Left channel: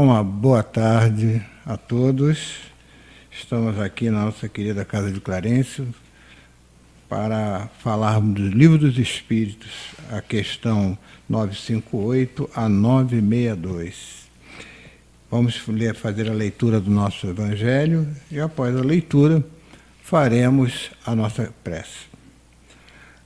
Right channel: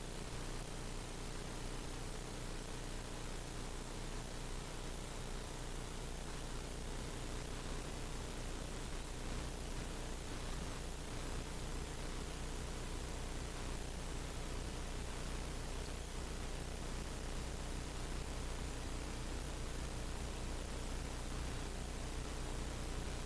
Então, uma boa tarde a todos. Estamos aqui na nossa querida Casa de Clarencio para falarmos do Livro dos Espíritos, a questão 958 a 962. Vamos fazer a leitura do nosso Evangelho e, após a leitura, faremos a nossa prece.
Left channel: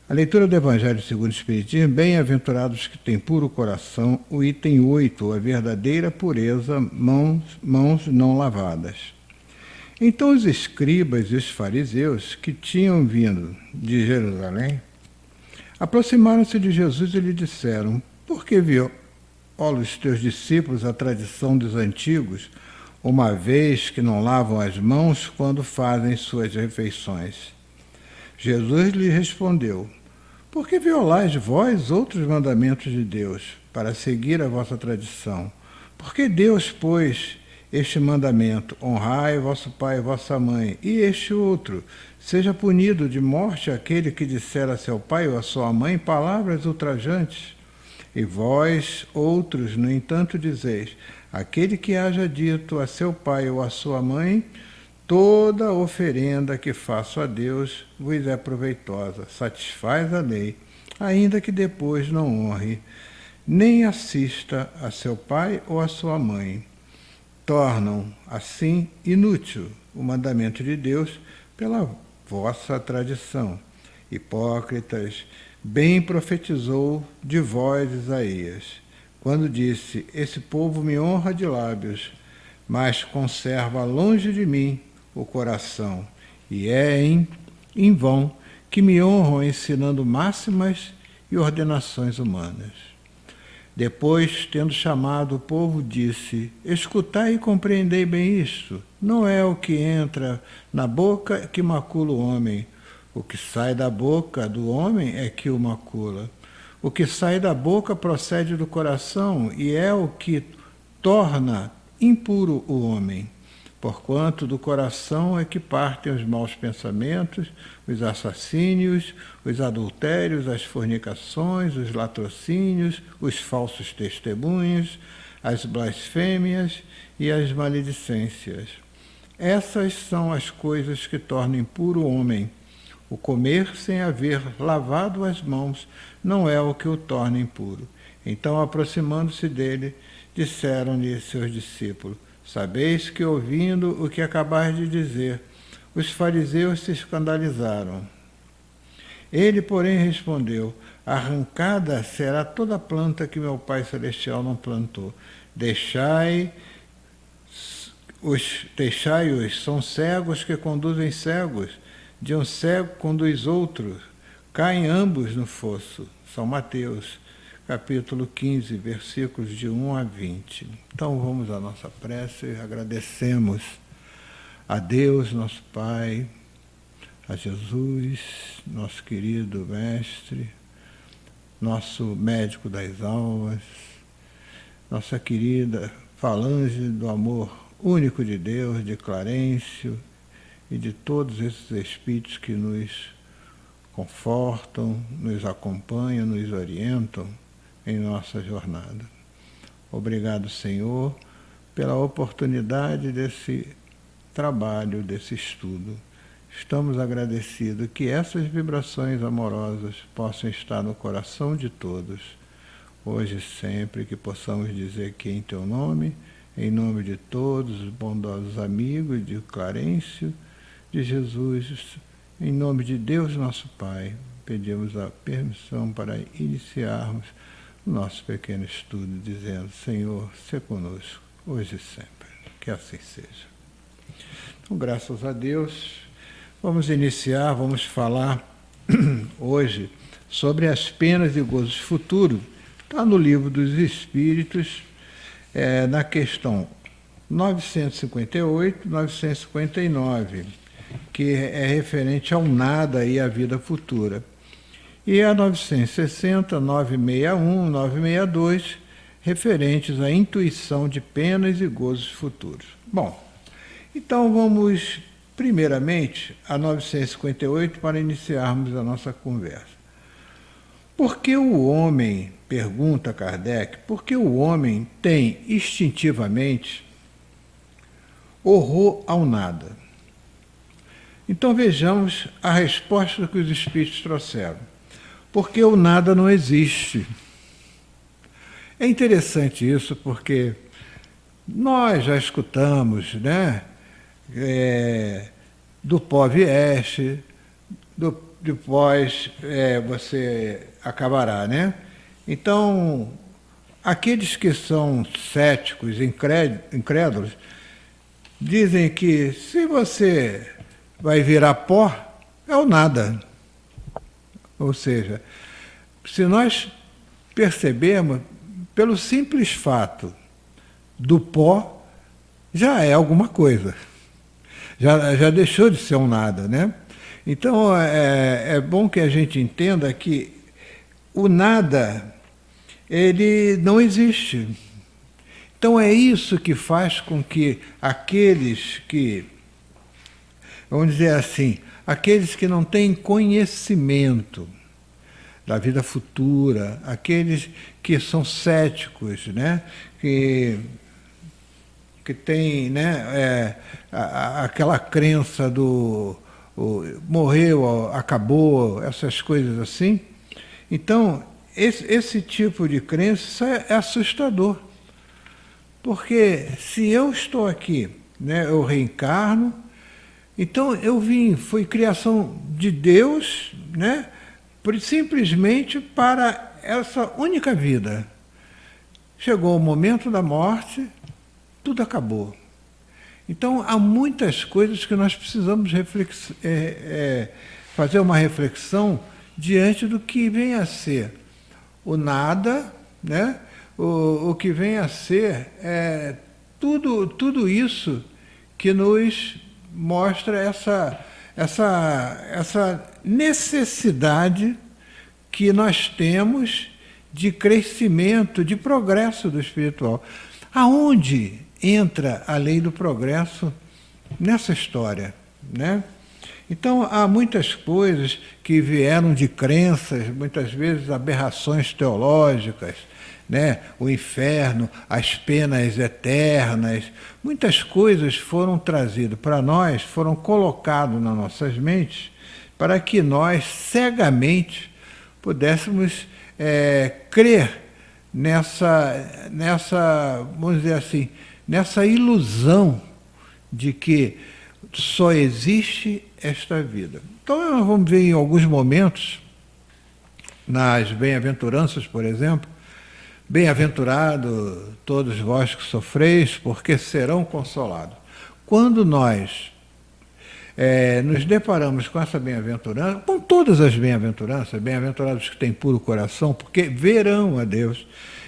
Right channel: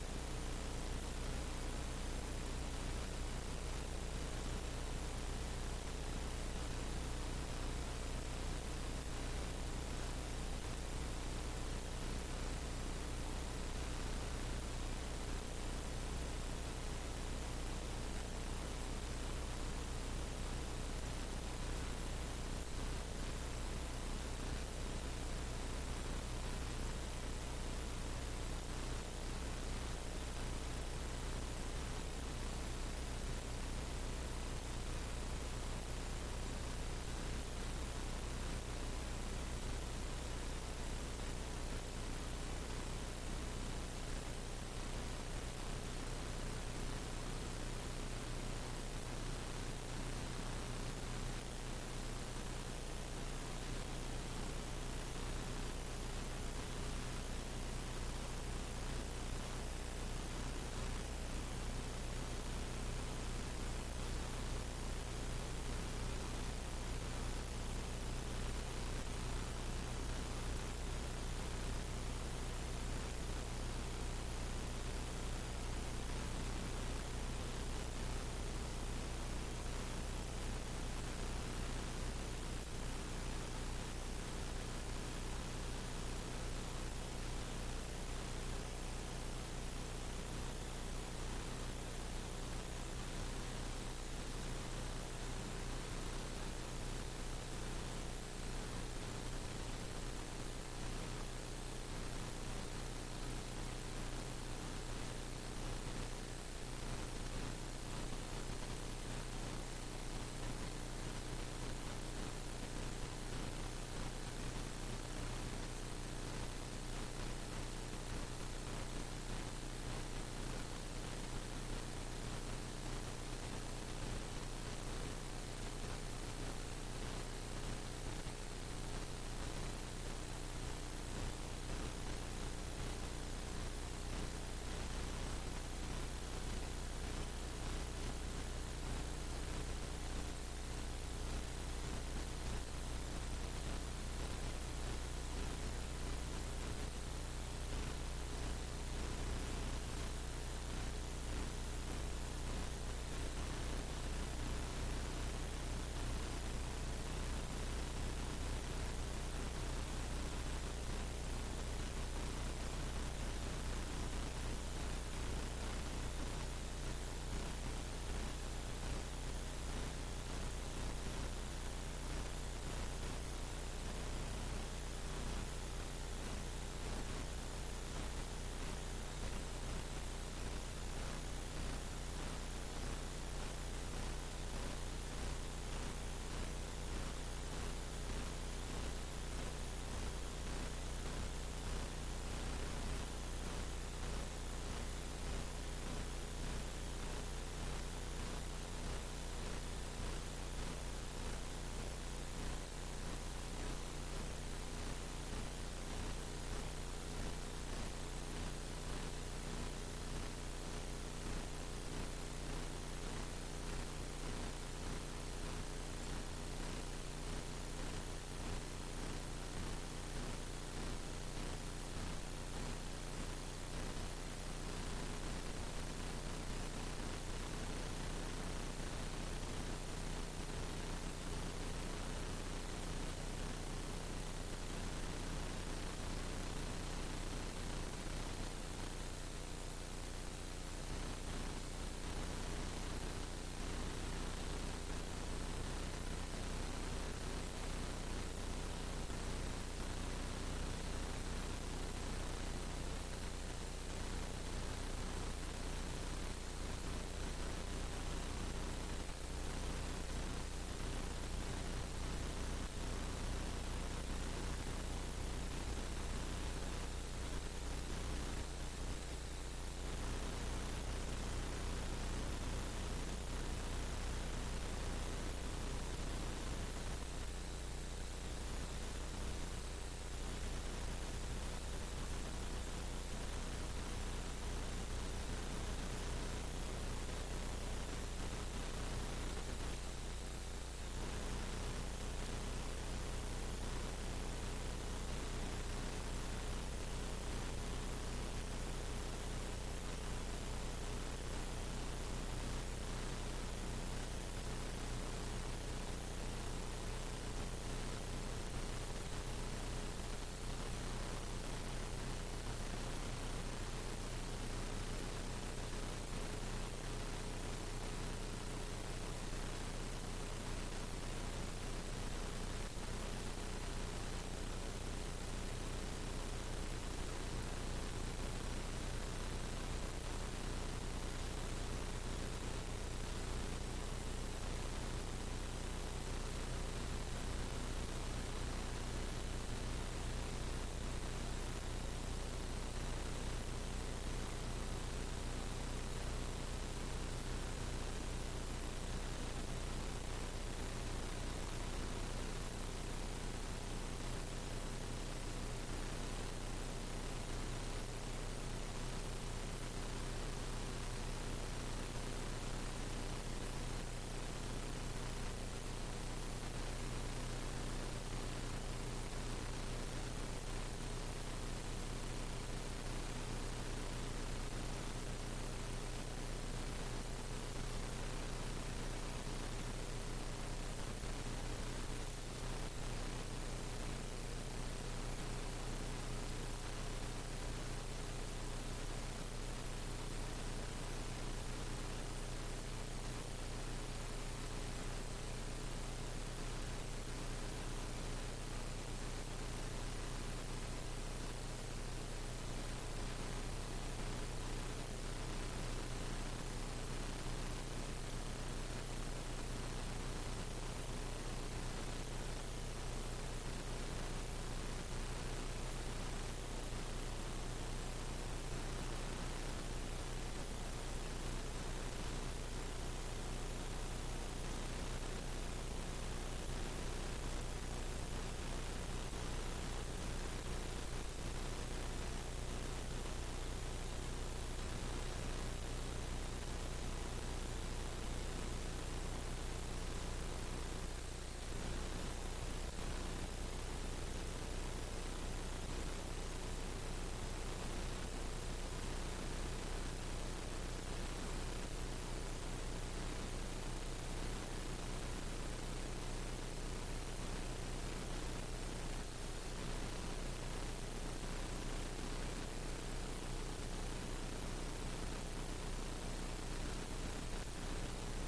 A leitura do Evangelho segundo o Espiritismo: bem-aventurados que têm puro coração, o item 8, a verdadeira pureza, mãos não lavadas. Então os escribas e os fariseus, que tinham vindo de Jerusalém, aproximaram-se de Jesus e lhe disseram: por que violam os teus discípulos a tradição dos antigos, uma vez que não lavam as mãos quando fazem suas refeições? Jesus lhe respondeu: por que violais vós outros mandamentos de Deus, para seguir a vossa tradição? Porque Deus pôs este mandamento: honrai vosso pai e vossa mãe, e este outro: seja punido de morte aquele que disser a seu pai ou a sua mãe palavras ultrajantes. E vós, outros, no entanto, dizeis: aquele que haja dito a seu pai ou a sua mãe, toda oferenda que faço a Deus vos é proveitosa, satisfaz a lei, ainda que depois não honre, nem assista a seu pai ou a sua mãe. Tornam, assim, inútil o mandamento de Deus pela vossa tradição. Hipócritas, bem profetizou de vós Isaías, quando disse: esse povo me honra de lábios, mas conserva longe de mim o coração, e é em vão que me honram ensinando máximas e ordenações humanas. Depois, tendo chamado o povo, disse: escutai e compreendei bem isto. Não é o que entra na boca que macula o homem. O que sai da boca do homem é que o macula. O que sai da boca procede do coração e é o que torna impuro o homem. Porquanto do coração é que partem os maus pensamentos, os assassínios, os adultérios, as fornicações, os latrocínios, os falsos testemunhos, as blasfêmias e as maledicências. Essas são as coisas que tornam impuro o homem. O comer sem haver lavado as mãos não é o que o torna impuro. Então, aproximando-se dele, disseram-lhe seus discípulos: sabeis que, ouvindo o que acabais de dizer, os fariseus se escandalizaram. Ele, porém, respondeu: arrancada será toda planta que meu Pai Celestial não plantou. Deixai-os, são cegos que conduzem cegos, de um cego conduz outro, caem ambos no fosso. São Mateus, capítulo 15, versículos de 1 a 20. Então vamos à nossa prece. Agradecemos a Deus, nosso Pai, a Jesus, nosso querido Mestre, nosso médico das almas, nossa querida falange do amor único de Deus, de Clarencio, e de todos esses espíritos que nos confortam, nos acompanham, nos orientam em nossa jornada. Obrigado, Senhor, pela oportunidade desse trabalho, desse estudo. Estamos agradecidos que essas vibrações amorosas possam estar no coração de todos, hoje e sempre, que possamos dizer que em Teu nome, em nome de todos os bondosos amigos de Clarencio, de Jesus, em nome de Deus nosso Pai, pedimos a permissão para iniciarmos o nosso pequeno estudo, dizendo: Senhor, se conosco, hoje e sempre. Que assim seja. Então, graças a Deus, vamos iniciar, vamos falar hoje sobre as penas e gozos futuros. Está no Livro dos Espíritos, na questão 958, 959, que é referente ao nada e à vida futura. E a 960, 961, 962, referentes à intuição de penas e gozos futuros. Bom, então vamos primeiramente a 958 para iniciarmos a nossa conversa. Por que o homem, pergunta Kardec, por que o homem tem instintivamente horror ao nada? Então vejamos a resposta que os espíritos trouxeram. Porque o nada não existe. É interessante isso porque nós já escutamos, né? Do pó vieste, depois você acabará, né? Então, aqueles que são céticos, incrédulos, dizem que se você vai virar pó, é o nada. Ou seja, se nós percebermos, pelo simples fato do pó, já é alguma coisa. Já deixou de ser um nada, né? Então, é bom que a gente entenda que o nada, ele não existe. Então, é isso que faz com que aqueles que, vamos dizer assim, aqueles que não têm conhecimento da vida futura, aqueles que são céticos, né? que têm, né? Aquela crença do morreu, acabou, essas coisas assim. Então, esse tipo de crença é assustador. Porque se eu estou aqui, né, eu reencarno, então eu foi criação de Deus, né, simplesmente para essa única vida. Chegou o momento da morte, tudo acabou. Então, há muitas coisas que nós precisamos fazer uma reflexão diante do que vem a ser o nada, né? O que vem a ser tudo isso que nos mostra essa necessidade que nós temos de crescimento, de progresso do espiritual. Aonde entra a lei do progresso nessa história, né? Então, há muitas coisas que vieram de crenças, muitas vezes aberrações teológicas, né? O inferno, as penas eternas, muitas coisas foram trazidas para nós, foram colocadas nas nossas mentes, para que nós cegamente pudéssemos crer nessa, vamos dizer assim, nessa ilusão de que só existe esta vida. Então, nós vamos ver em alguns momentos, nas bem-aventuranças, por exemplo, bem-aventurado todos vós que sofreis, porque serão consolados. Quando nós nos deparamos com essa bem-aventurança, com todas as bem-aventuranças, bem-aventurados que têm puro coração, porque verão a Deus,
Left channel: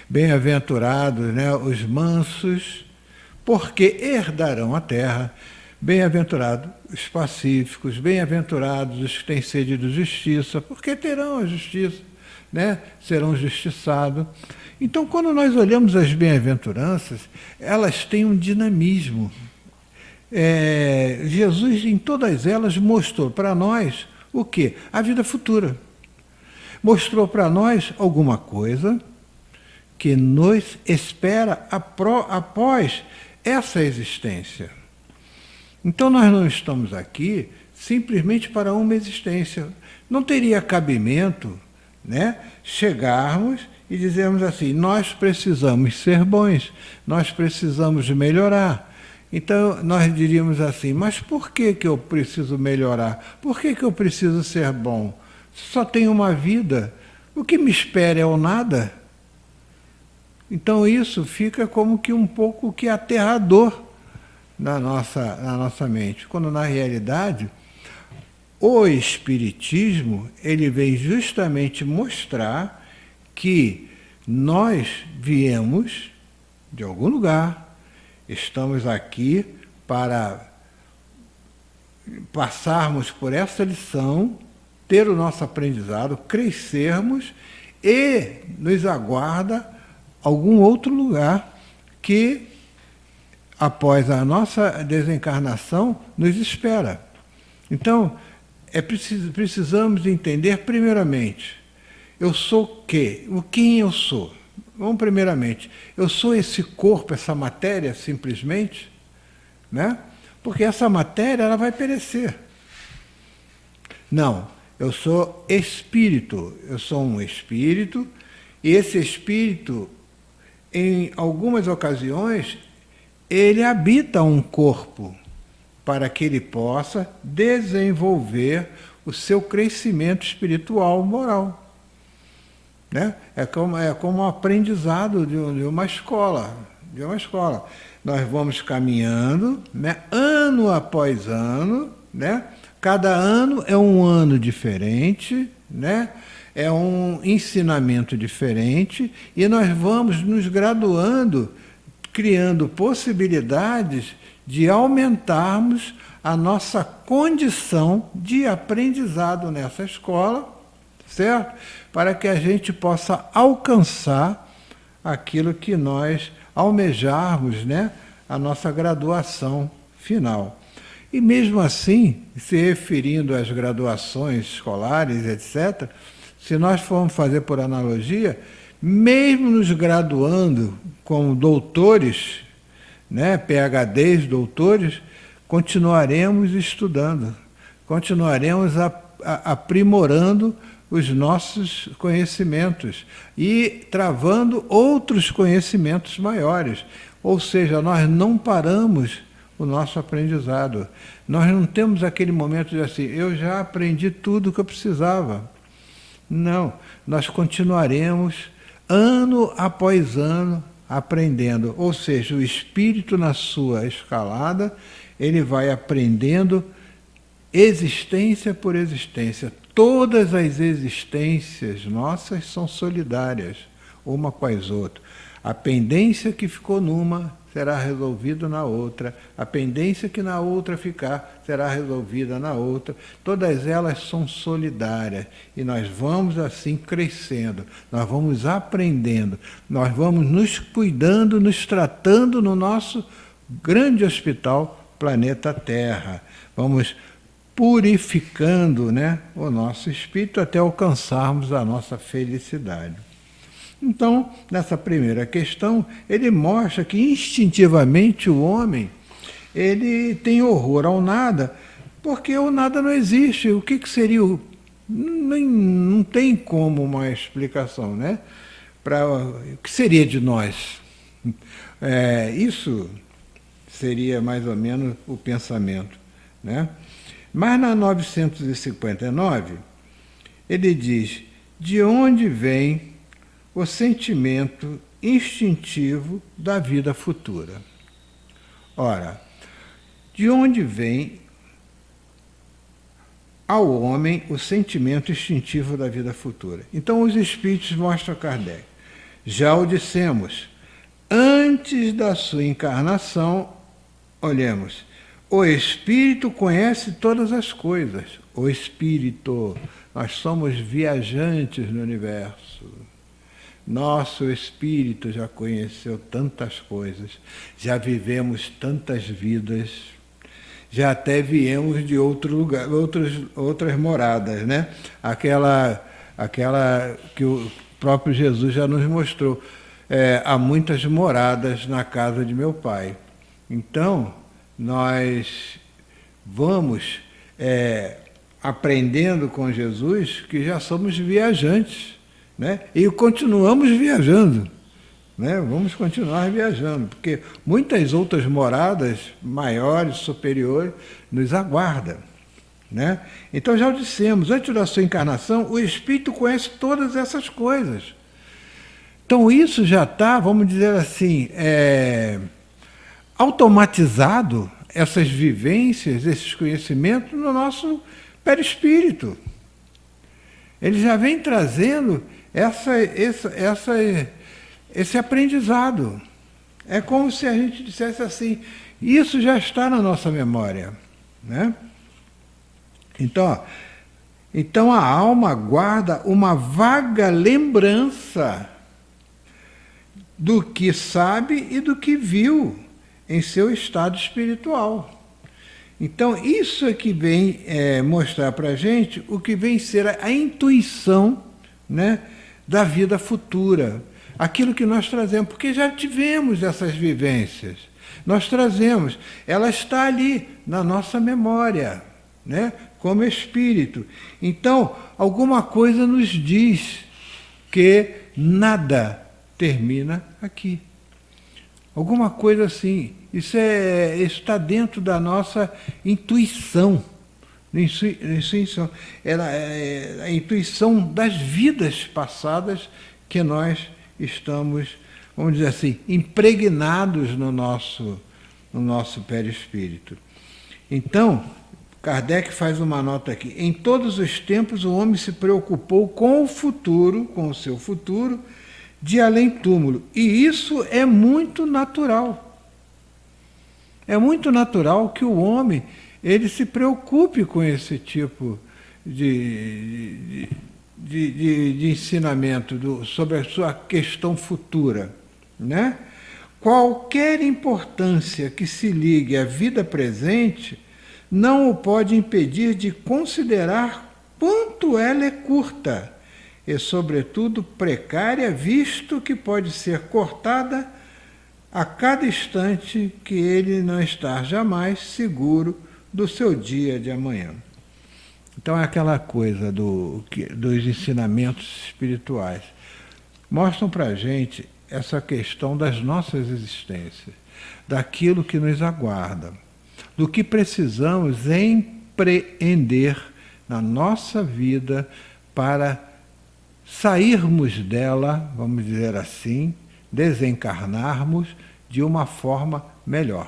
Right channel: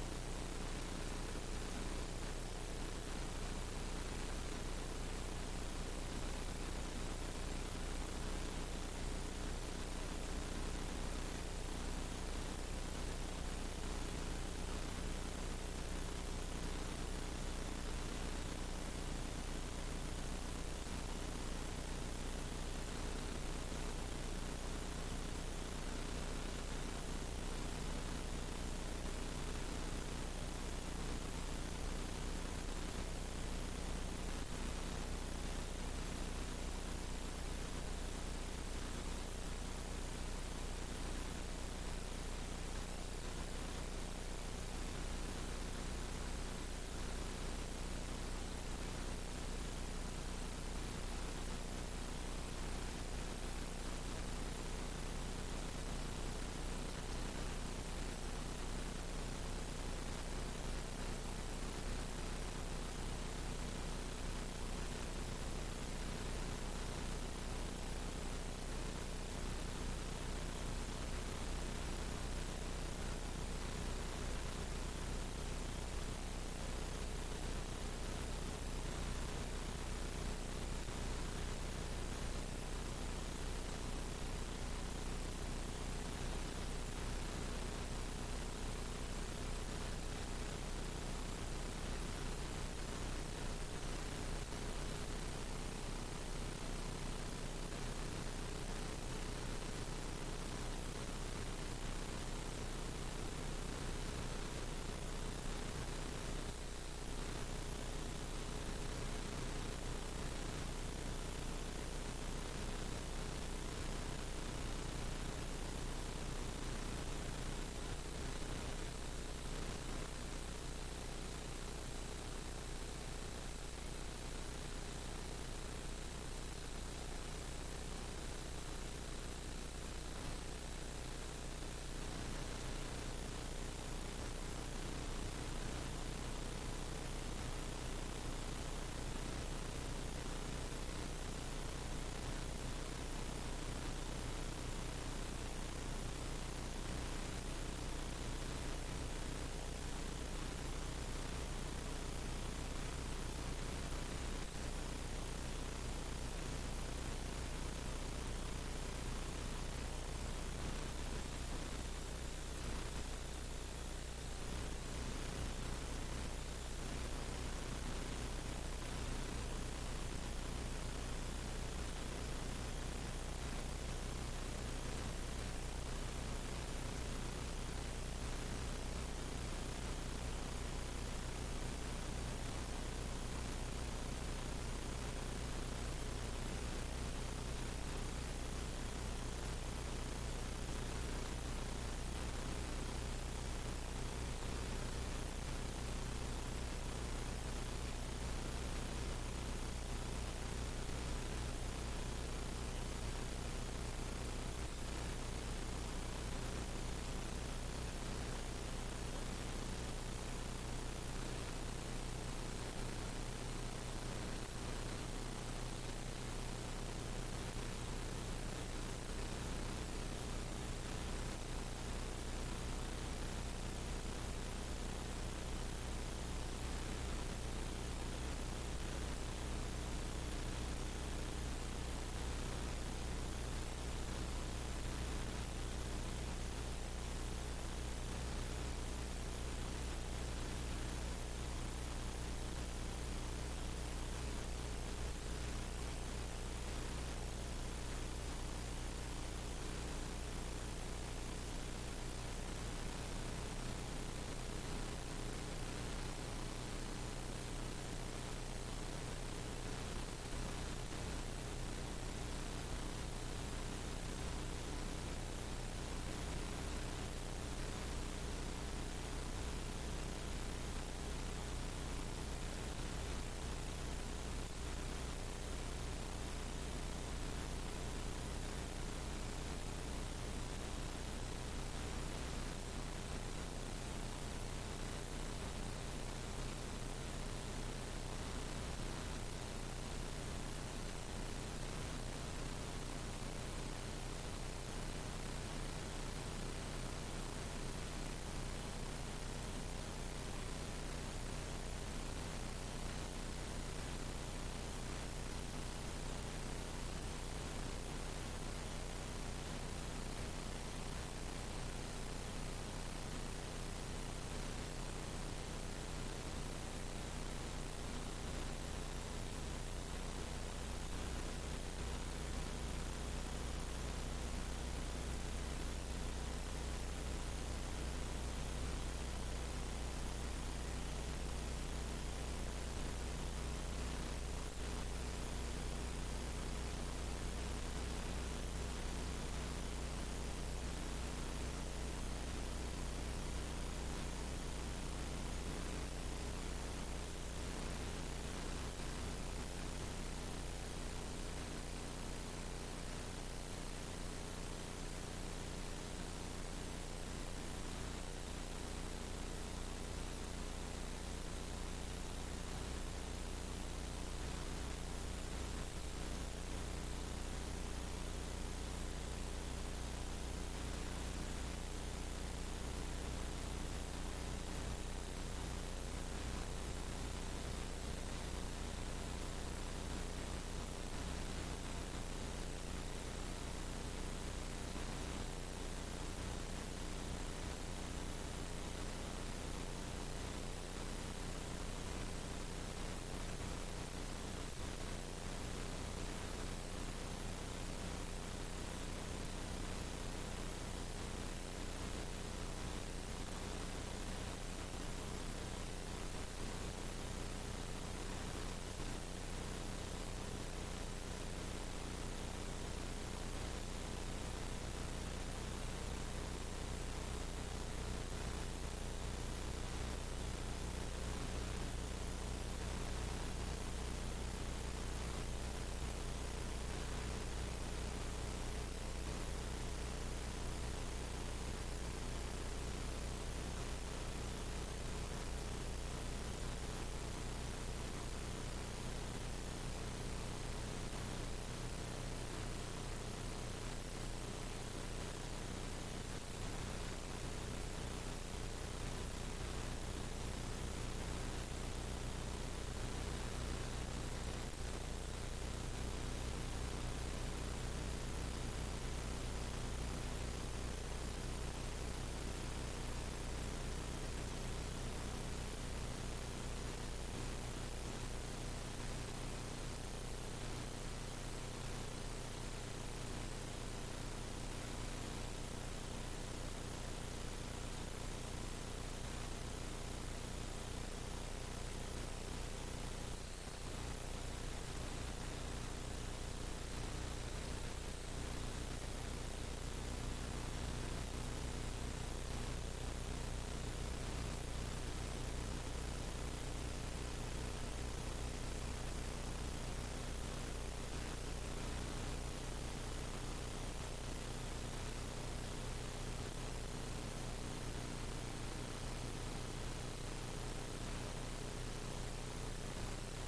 bem-aventurados, né, os mansos, porque herdarão a terra, bem-aventurados os pacíficos, bem-aventurados os que têm sede de justiça, porque terão a justiça, né, serão justiçados. Então, quando nós olhamos as bem-aventuranças, elas têm um dinamismo. Jesus, em todas elas, mostrou para nós o quê? A vida futura. Mostrou para nós alguma coisa que nos espera após essa existência. Então, nós não estamos aqui simplesmente para uma existência. Não teria cabimento, né, chegarmos e dizermos assim, nós precisamos ser bons, nós precisamos melhorar. Então, nós diríamos assim, mas por que eu preciso melhorar? Por que eu preciso ser bom? Só tenho uma vida, o que me espera é o nada? Então, isso fica como que um pouco que aterrador na nossa mente, quando na realidade o Espiritismo ele vem justamente mostrar que nós viemos de algum lugar, estamos aqui para passarmos por essa lição, ter o nosso aprendizado, crescermos e nos aguarda algum outro lugar que, após a nossa desencarnação, nos espera. Então, precisamos entender, primeiramente, Eu sou o quê? O quem eu sou? Vamos primeiramente, eu sou esse corpo, essa matéria, simplesmente, né? Porque essa matéria ela vai perecer. Não, eu sou espírito, eu sou um espírito, e esse espírito, em algumas ocasiões, ele habita um corpo para que ele possa desenvolver o seu crescimento espiritual, moral. Né? É como um aprendizado de uma escola. De uma escola. Nós vamos caminhando, né? Ano após ano, né? Cada ano é um ano diferente, né? É um ensinamento diferente, e nós vamos nos graduando, criando possibilidades de aumentarmos a nossa condição de aprendizado nessa escola, certo? Para que a gente possa alcançar aquilo que nós almejarmos, né? A nossa graduação final. E mesmo assim, se referindo às graduações escolares, etc., se nós formos fazer por analogia, mesmo nos graduando como doutores, né, PhDs, doutores, continuaremos estudando, continuaremos aprimorando os nossos conhecimentos e travando outros conhecimentos maiores. Ou seja, nós não paramos o nosso aprendizado. Nós não temos aquele momento de assim, eu já aprendi tudo o que eu precisava. Não, nós continuaremos ano após ano aprendendo. Ou seja, o espírito na sua escalada, ele vai aprendendo existência por existência. Todas as existências nossas são solidárias, uma com as outras. A pendência que ficou numa será resolvida na outra. A pendência que na outra ficar será resolvida na outra. Todas elas são solidárias. E nós vamos assim crescendo, nós vamos aprendendo, nós vamos nos cuidando, nos tratando no nosso grande hospital, planeta Terra. Vamos purificando, né, o nosso espírito até alcançarmos a nossa felicidade. Então, nessa primeira questão, ele mostra que instintivamente o homem, ele tem horror ao nada, porque o nada não existe. O que seria o... não tem como uma explicação, né? O que seria de nós? Isso seria mais ou menos o pensamento, né? Mas na 959, ele diz, de onde vem o sentimento instintivo da vida futura? Ora, de onde vem ao homem o sentimento instintivo da vida futura? Então os espíritos mostram a Kardec. Já o dissemos, antes da sua encarnação, olhemos, o espírito conhece todas as coisas. O espírito, nós somos viajantes no universo. Nosso espírito já conheceu tantas coisas, já vivemos tantas vidas, já até viemos de outro lugar, outras moradas, né? Aquela que o próprio Jesus já nos mostrou. Há muitas moradas na casa de meu Pai. Então, nós vamos aprendendo com Jesus que já somos viajantes, né? E continuamos viajando, né? Vamos continuar viajando, porque muitas outras moradas maiores, superiores, nos aguardam, né? Então já o dissemos, antes da sua encarnação, o Espírito conhece todas essas coisas. Então isso já está, vamos dizer assim, automatizado, essas vivências, esses conhecimentos no nosso perispírito. Ele já vem trazendo esse aprendizado. É como se a gente dissesse assim, isso já está na nossa memória, né? Então a alma guarda uma vaga lembrança do que sabe e do que viu em seu estado espiritual. Então, isso é que vem mostrar para a gente o que vem ser a intuição né, da vida futura. Aquilo que nós trazemos, porque já tivemos essas vivências. Nós trazemos, ela está ali, na nossa memória, né, como espírito. Então, alguma coisa nos diz que nada termina aqui. Alguma coisa assim. Isso está dentro da nossa intuição. Intuição. É a intuição das vidas passadas que nós estamos, vamos dizer assim, impregnados no nosso perispírito. Então, Kardec faz uma nota aqui. Em todos os tempos, o homem se preocupou com o futuro, com o seu futuro, de além-túmulo. E isso é muito natural. É muito natural que o homem ele se preocupe com esse tipo de ensinamento sobre a sua questão futura, né? Qualquer importância que se ligue à vida presente não o pode impedir de considerar quanto ela é curta e, sobretudo, precária, visto que pode ser cortada a cada instante que ele não está jamais seguro do seu dia de amanhã. Então é aquela coisa dos ensinamentos espirituais. Mostram para a gente essa questão das nossas existências, daquilo que nos aguarda, do que precisamos empreender na nossa vida para sairmos dela, vamos dizer assim, desencarnarmos de uma forma melhor.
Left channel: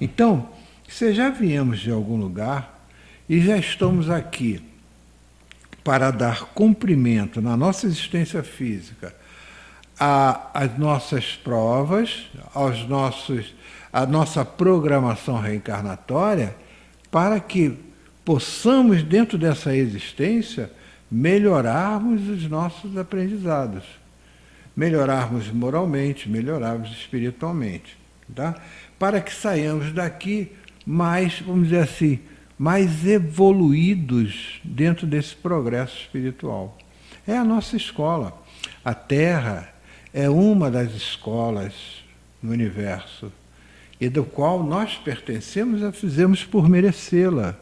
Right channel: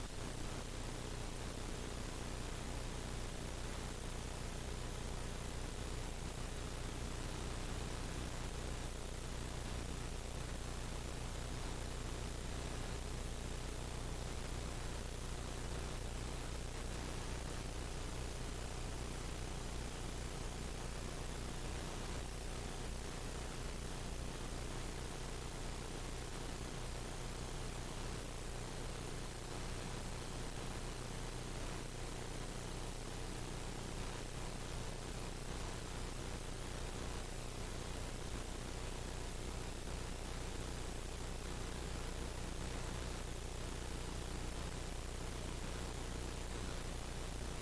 Então, se já viemos de algum lugar e já estamos aqui para dar cumprimento na nossa existência física às nossas provas, à nossa programação reencarnatória, para que possamos, dentro dessa existência, melhorarmos os nossos aprendizados, melhorarmos moralmente, melhorarmos espiritualmente, tá? Para que saiamos daqui mais, vamos dizer assim, mais evoluídos dentro desse progresso espiritual. É a nossa escola. A Terra é uma das escolas no universo, e do qual nós pertencemos e a fizemos por merecê-la.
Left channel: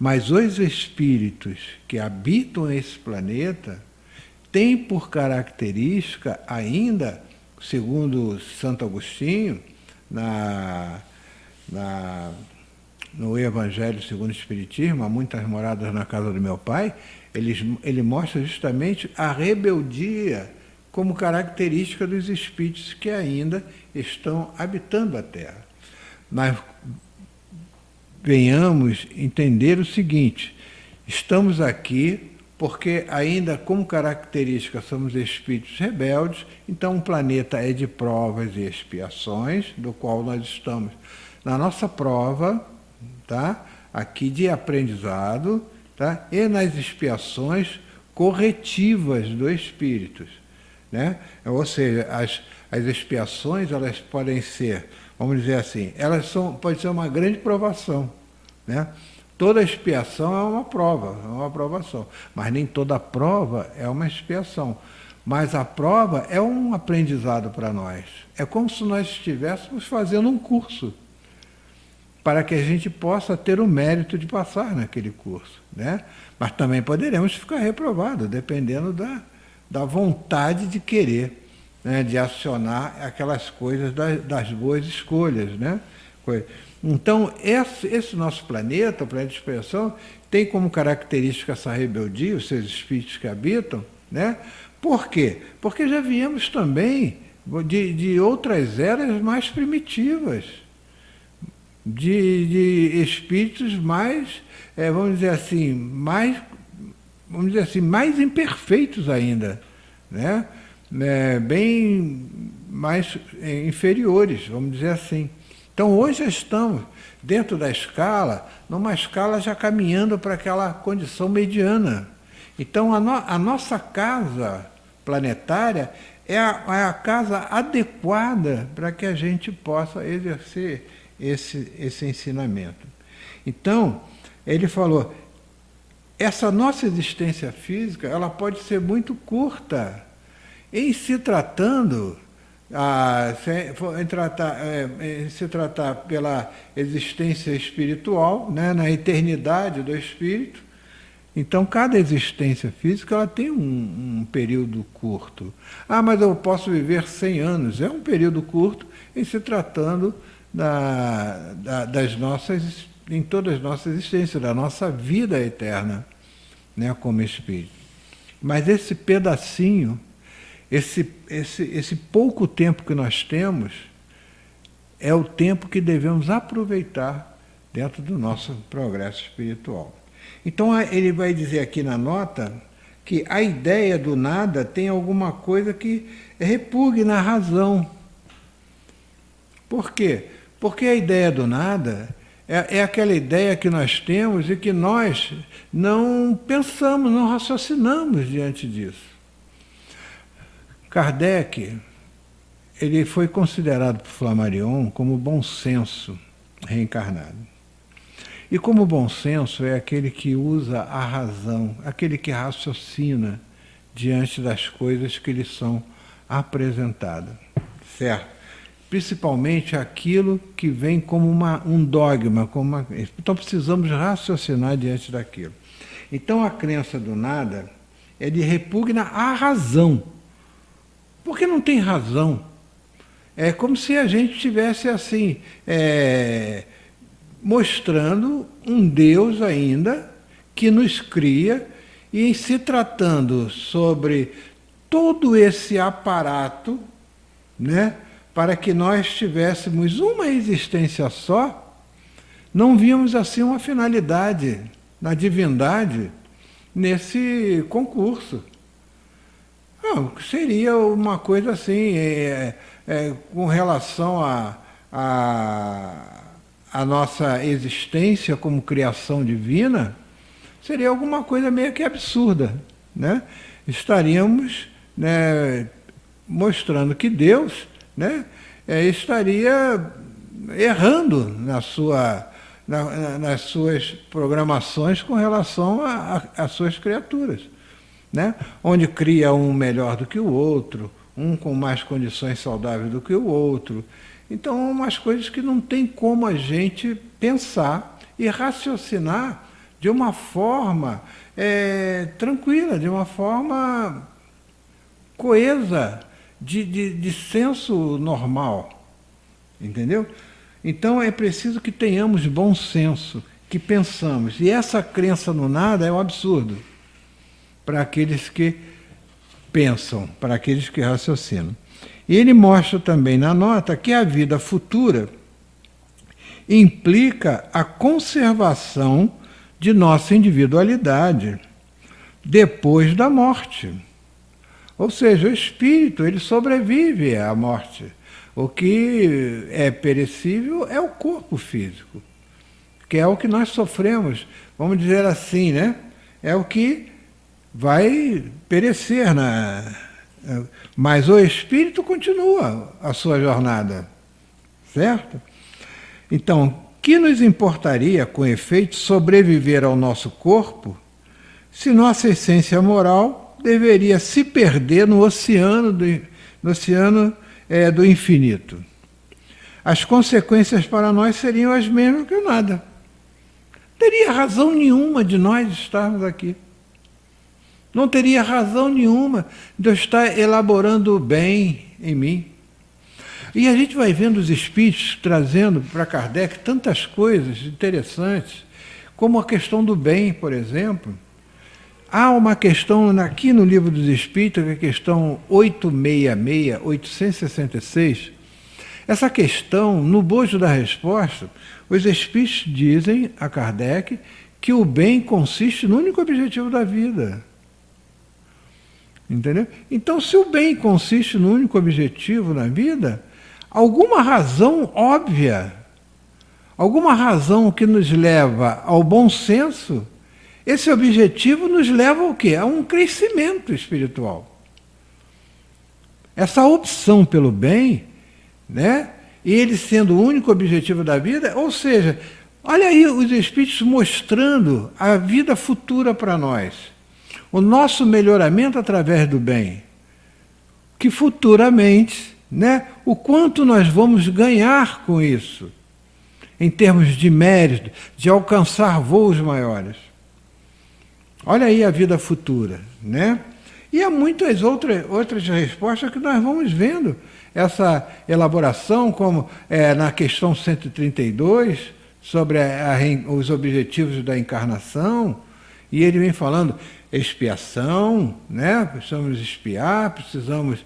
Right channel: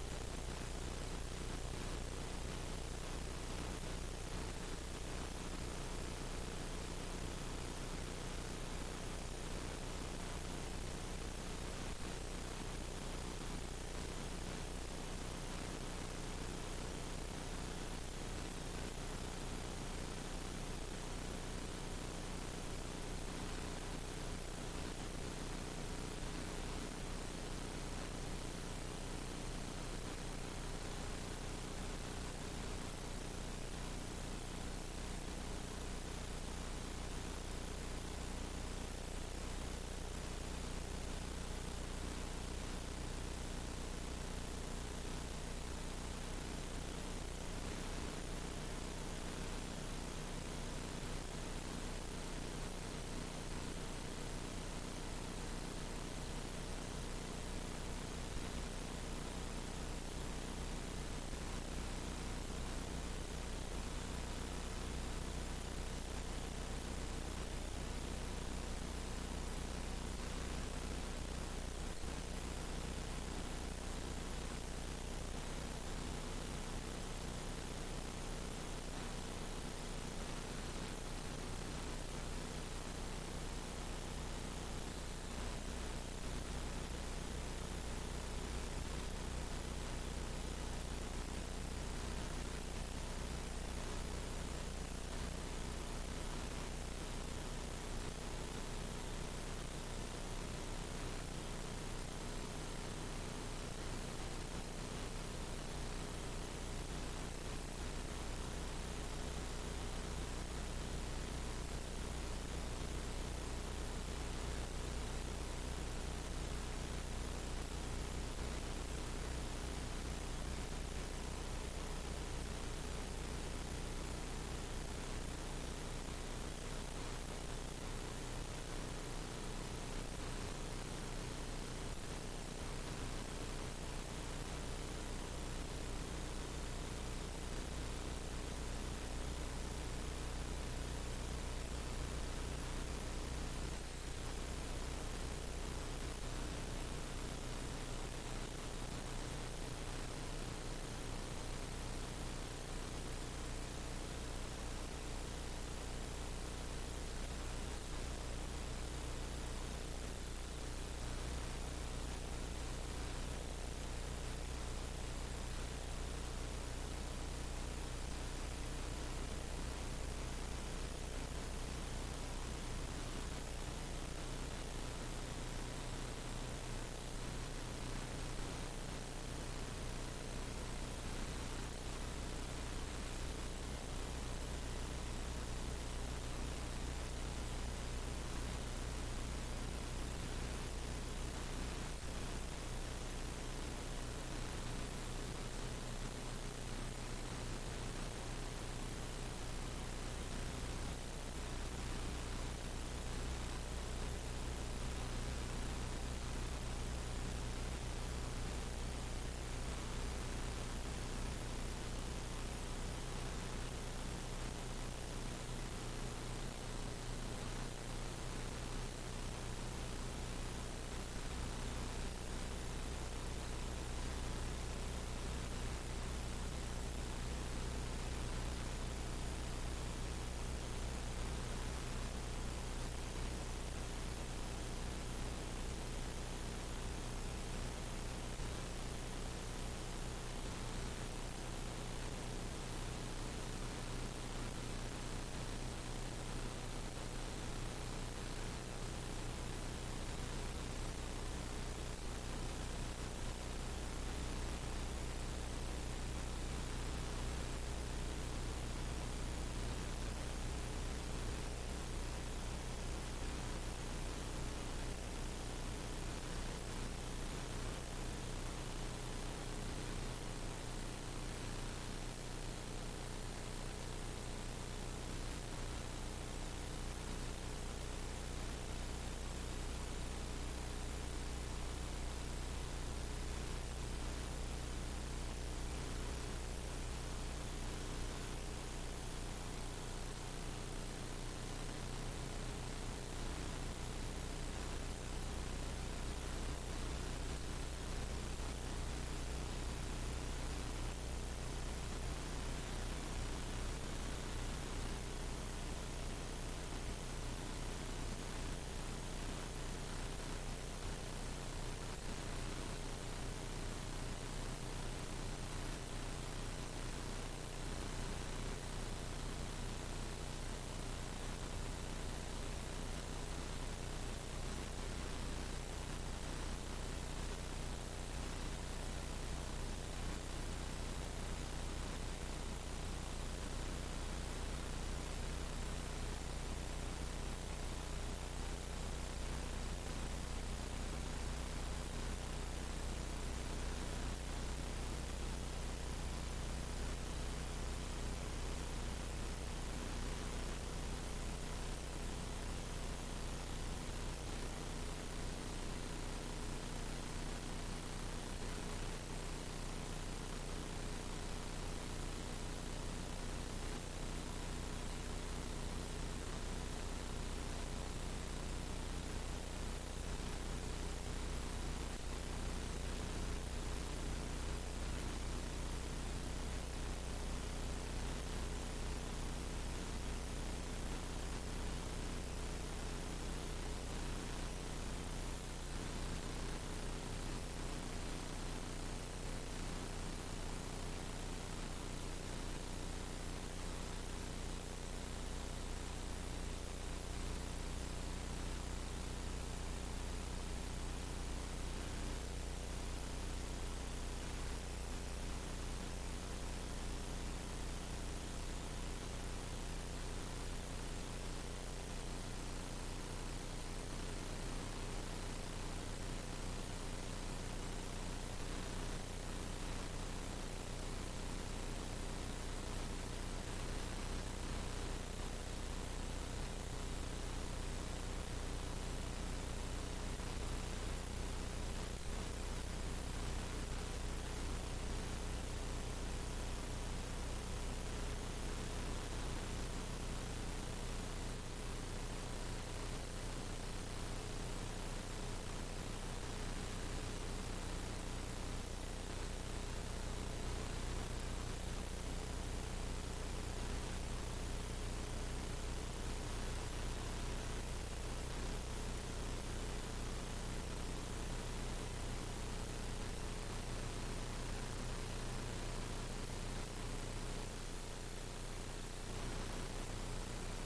Mas os espíritos que habitam esse planeta têm por característica ainda, segundo Santo Agostinho, no Evangelho segundo o Espiritismo, há muitas moradas na casa do meu pai, ele mostra justamente a rebeldia como característica dos espíritos que ainda estão habitando a Terra. Mas venhamos entender o seguinte: estamos aqui porque ainda como característica somos espíritos rebeldes, então o planeta é de provas e expiações, do qual nós estamos na nossa prova, tá? Aqui de aprendizado, tá? E nas expiações corretivas do espírito, né? Ou seja, as expiações elas podem ser, vamos dizer assim, pode ser uma grande provação, né? Toda expiação é uma prova, é uma aprovação, mas nem toda prova é uma expiação. Mas a prova é um aprendizado para nós. É como se nós estivéssemos fazendo um curso, para que a gente possa ter o mérito de passar naquele curso, né? Mas também poderemos ficar reprovados, dependendo da vontade de querer, né? De acionar aquelas coisas das boas escolhas, né? Então, esse nosso planeta, o planeta de expiação, tem como característica essa rebeldia, os seus espíritos que habitam, né? Por quê? Porque já viemos também de outras eras mais primitivas, de espíritos mais, vamos dizer assim, mais imperfeitos ainda, né? Bem mais inferiores, vamos dizer assim. Então hoje estamos dentro da escala, numa escala já caminhando para aquela condição mediana. Então a nossa casa planetária é a casa adequada para que a gente possa exercer esse ensinamento. Então, ele falou, essa nossa existência física, ela pode ser muito curta. Em se tratando, se tratar pela existência espiritual, né, na eternidade do espírito, então cada existência física ela tem um período curto. Ah, mas eu posso viver 100 anos. É um período curto em se tratando das nossas, em toda a nossa existência, da nossa vida eterna, né, como espírito. Mas esse pedacinho, esse pouco tempo que nós temos, é o tempo que devemos aproveitar dentro do nosso progresso espiritual. Então ele vai dizer aqui na nota que a ideia do nada tem alguma coisa que repugna a razão. Por quê? Porque a ideia do nada é aquela ideia que nós temos e que nós não pensamos, não raciocinamos diante disso. Kardec, ele foi considerado por Flammarion como bom senso reencarnado. E como bom senso é aquele que usa a razão, aquele que raciocina diante das coisas que lhe são apresentadas, certo? Principalmente aquilo que vem como um dogma, então precisamos raciocinar diante daquilo. Então a crença do nada, ele repugna a razão, porque não tem razão. É como se a gente estivesse assim, mostrando um Deus ainda que nos cria, e em se tratando sobre todo esse aparato, né, para que nós tivéssemos uma existência só, não víamos assim uma finalidade na divindade nesse concurso. Não, seria uma coisa assim, com relação a nossa existência como criação divina, seria alguma coisa meio que absurda, né? Estaríamos, né, mostrando que Deus, né, estaria errando nas suas programações com relação às suas criaturas, né? Onde cria um melhor do que o outro, um com mais condições saudáveis do que o outro. Então, umas coisas que não tem como a gente pensar e raciocinar de uma forma tranquila, de uma forma coesa, de senso normal, entendeu? Então é preciso que tenhamos bom senso, que pensamos. E essa crença no nada é um absurdo para aqueles que pensam, para aqueles que raciocinam. E ele mostra também na nota que a vida futura implica a conservação de nossa individualidade depois da morte. Ou seja, o espírito, ele sobrevive à morte. O que é perecível é o corpo físico, que é o que nós sofremos, vamos dizer assim, né? É o que vai perecer, mas o espírito continua a sua jornada, certo? Então, que nos importaria, com efeito, sobreviver ao nosso corpo, se nossa essência moral deveria se perder no oceano do infinito? As consequências para nós seriam as mesmas que o nada. Não teria razão nenhuma de nós estarmos aqui. Não teria razão nenhuma de eu estar elaborando o bem em mim. E a gente vai vendo os espíritos trazendo para Kardec tantas coisas interessantes, como a questão do bem, por exemplo. Há uma questão aqui no Livro dos Espíritos, que é a questão 866, 866. Essa questão, no bojo da resposta, os espíritos dizem a Kardec que o bem consiste no único objetivo da vida. Entendeu? Então, se o bem consiste no único objetivo na vida, alguma razão óbvia, alguma razão que nos leva ao bom senso, esse objetivo nos leva ao quê? A um crescimento espiritual. Essa opção pelo bem, né? E ele sendo o único objetivo da vida, ou seja, Olha aí os espíritos mostrando a vida futura para nós. O nosso melhoramento através do bem. Que futuramente, né, o quanto nós vamos ganhar com isso, em termos de mérito, de alcançar voos maiores. Olha aí a vida futura, né? E há muitas outras respostas que nós vamos vendo. Essa elaboração, como na questão 132, sobre os objetivos da encarnação, e ele vem falando expiação, né? Precisamos expiar, precisamos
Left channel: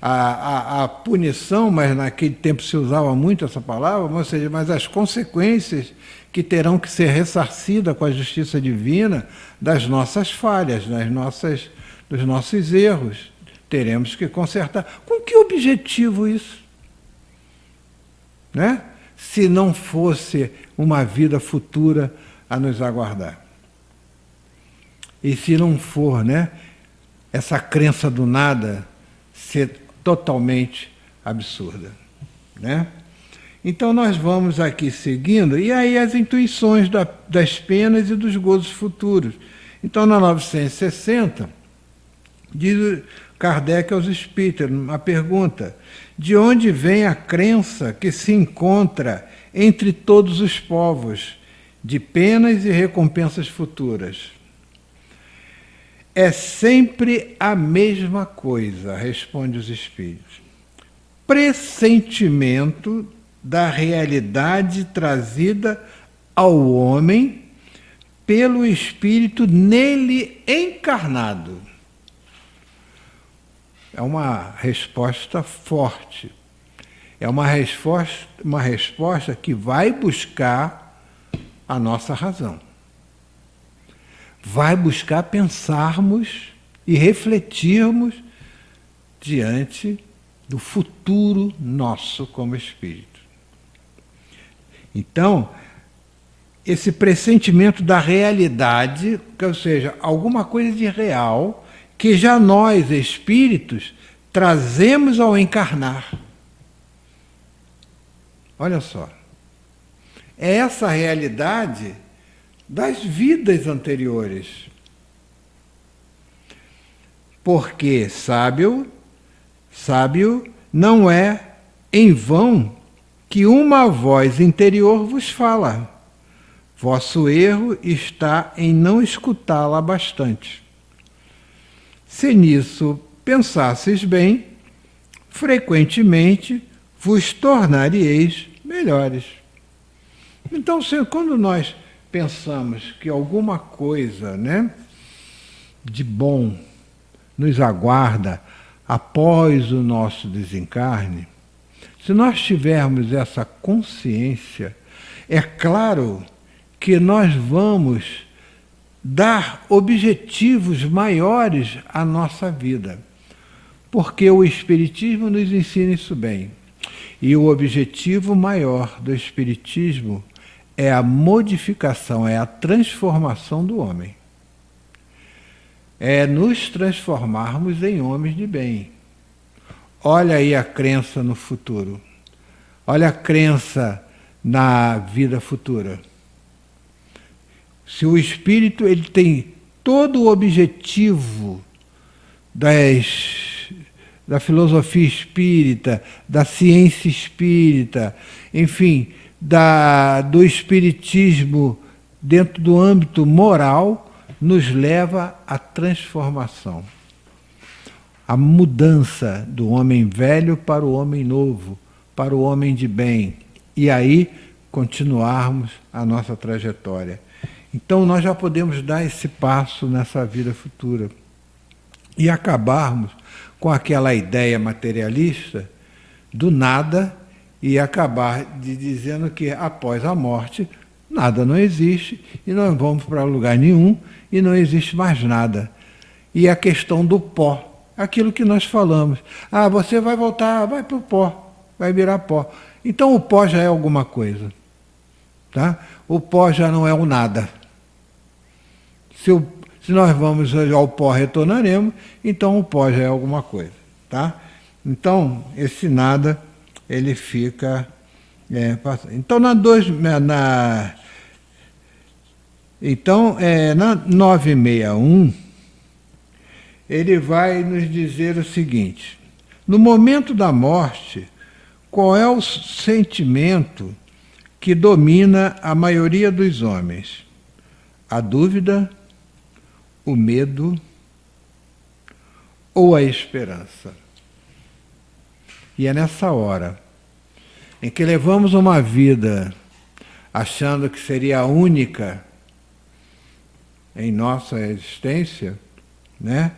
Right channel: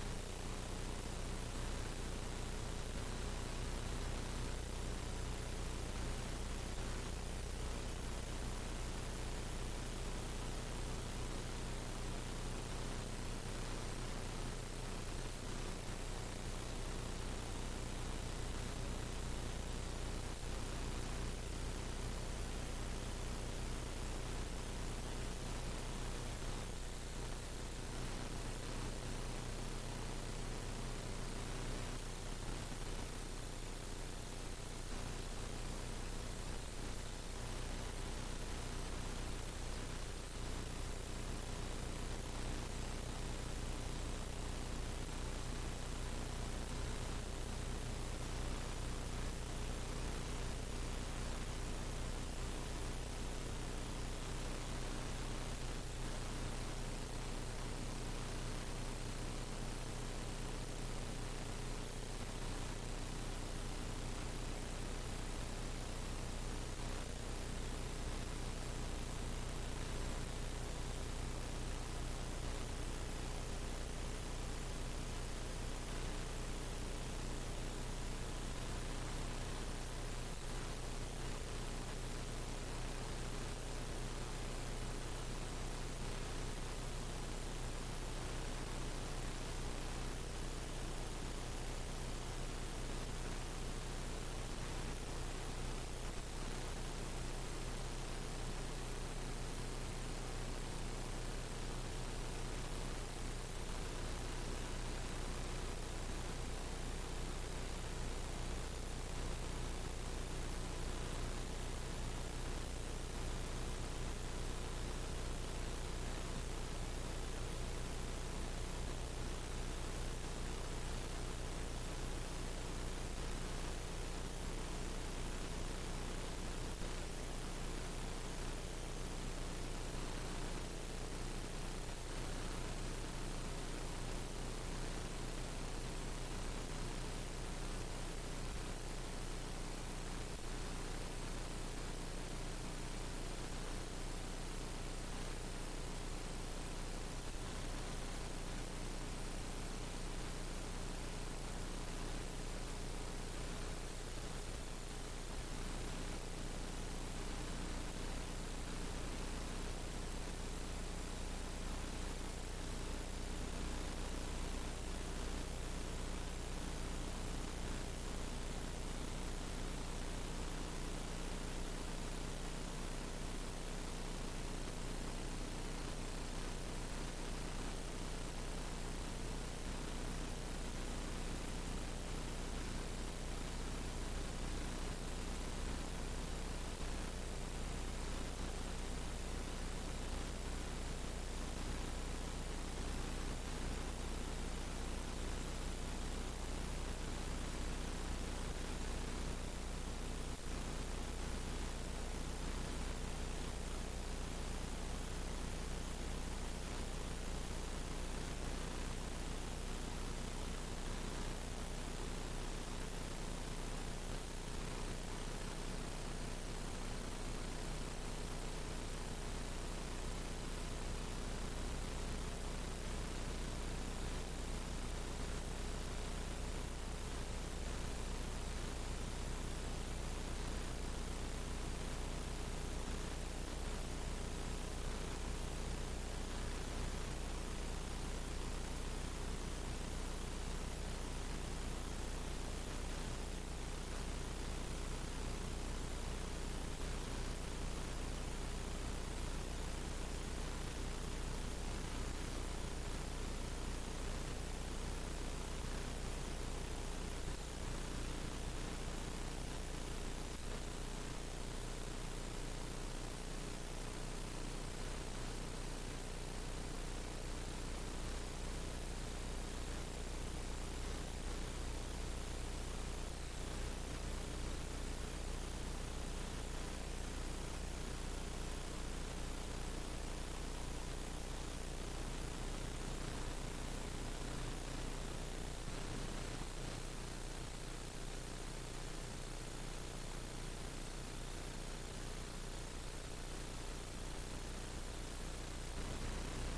a punição, mas naquele tempo se usava muito essa palavra, ou seja, mas as consequências que terão que ser ressarcidas com a justiça divina das nossas falhas, dos nossos erros. Teremos que consertar. Com que objetivo isso? Né? Se não fosse uma vida futura a nos aguardar. E se não for, né, essa crença do nada ser totalmente absurda, né? Então nós vamos aqui seguindo, e aí as intuições das penas e dos gozos futuros. Então na 960, diz Kardec aos espíritos, uma pergunta: de onde vem a crença que se encontra entre todos os povos, de penas e recompensas futuras? É sempre a mesma coisa, responde os espíritos. Pressentimento da realidade trazida ao homem pelo espírito nele encarnado. É uma resposta forte. É uma resposta que vai buscar a nossa razão. Vai buscar pensarmos e refletirmos diante do futuro nosso como espírito. Então, esse pressentimento da realidade, ou seja, alguma coisa de real, que já nós, espíritos, trazemos ao encarnar. Olha só. É essa realidade das vidas anteriores. Porque sábio não é em vão que uma voz interior vos fala. Vosso erro está em não escutá-la bastante. Se nisso pensasseis bem, frequentemente vos tornareis melhores. Então, quando nós pensamos que alguma coisa, né, de bom nos aguarda após o nosso desencarne, se nós tivermos essa consciência, é claro que nós vamos dar objetivos maiores à nossa vida, porque o Espiritismo nos ensina isso bem. E o objetivo maior do Espiritismo é a modificação, é a transformação do homem. É nos transformarmos em homens de bem. Olha aí a crença no futuro. Olha a crença na vida futura. Se o espírito ele tem todo o objetivo da filosofia espírita, da ciência espírita, enfim, do espiritismo dentro do âmbito moral, nos leva à transformação, à mudança do homem velho para o homem novo, para o homem de bem, e aí continuarmos a nossa trajetória. Então nós já podemos dar esse passo nessa vida futura e acabarmos com aquela ideia materialista do nada e acabar dizendo que após a morte nada não existe e nós vamos para lugar nenhum e não existe mais nada. E a questão do pó, aquilo que nós falamos. Ah, você vai voltar, vai para o pó, vai virar pó. Então o pó já é alguma coisa. Tá? O pó já não é o nada. Se nós vamos ao pó, retornaremos, então o pó já é alguma coisa. Tá? Então, esse nada, ele fica Então, na 961, ele vai nos dizer o seguinte: no momento da morte, qual é o sentimento que domina a maioria dos homens? A dúvida, o medo ou a esperança? E é nessa hora em que levamos uma vida achando que seria a única em nossa existência, né?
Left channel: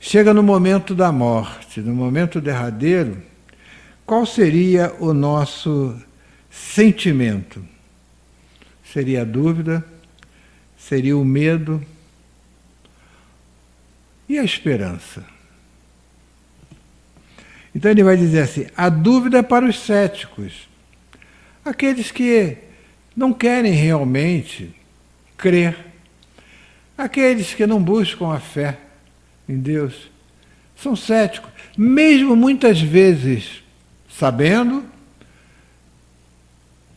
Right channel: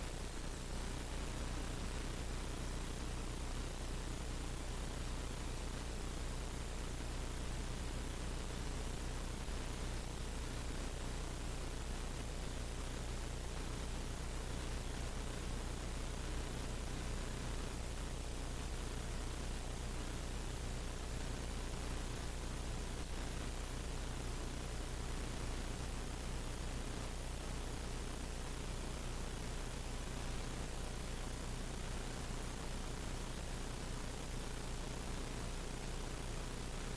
Chega no momento da morte, no momento derradeiro, qual seria o nosso sentimento? Seria a dúvida? Seria o medo? E a esperança? Então ele vai dizer assim: a dúvida é para os céticos, aqueles que não querem realmente crer, aqueles que não buscam a fé em Deus, são céticos, mesmo muitas vezes sabendo,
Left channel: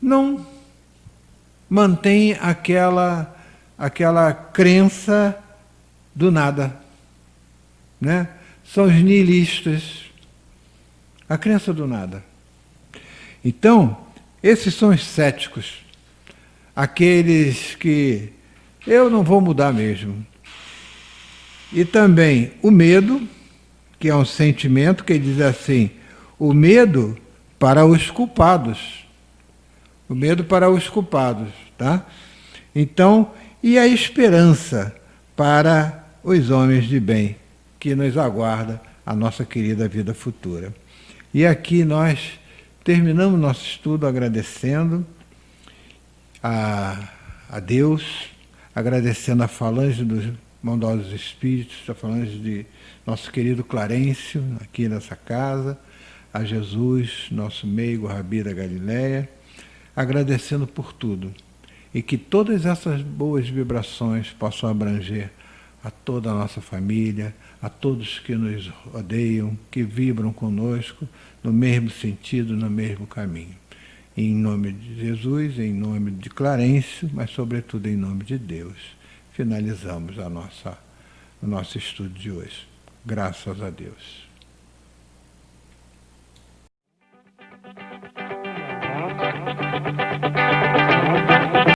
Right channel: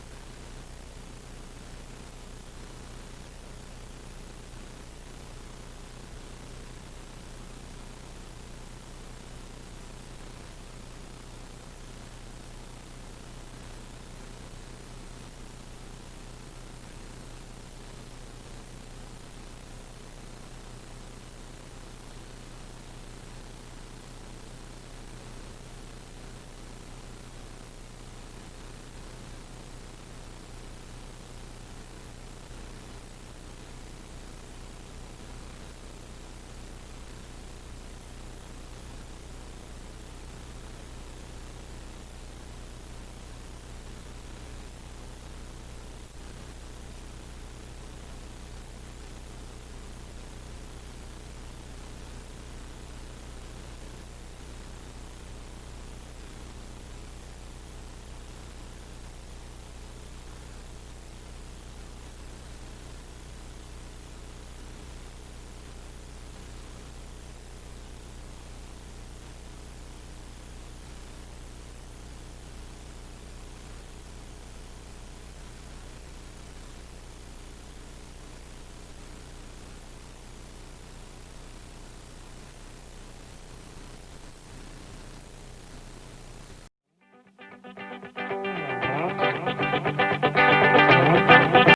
não mantêm aquela crença do nada, né? São os nihilistas, a crença do nada. Então, esses são os céticos, aqueles que eu não vou mudar mesmo. E também o medo, que é um sentimento que diz assim: o medo para os culpados. O medo para os culpados, tá? Então, e a esperança para os homens de bem, que nos aguarda a nossa querida vida futura. E aqui nós terminamos nosso estudo agradecendo a Deus, agradecendo a falange dos bondosos espíritos, a falange de nosso querido Clarencio, aqui nessa casa, a Jesus, nosso meigo Rabi da Galileia, agradecendo por tudo. E que todas essas boas vibrações possam abranger a toda a nossa família, a todos que nos rodeiam, que vibram conosco no mesmo sentido, no mesmo caminho. Em nome de Jesus, em nome de Clarencio, mas sobretudo em nome de Deus, finalizamos o nosso estudo de hoje. Graças a Deus.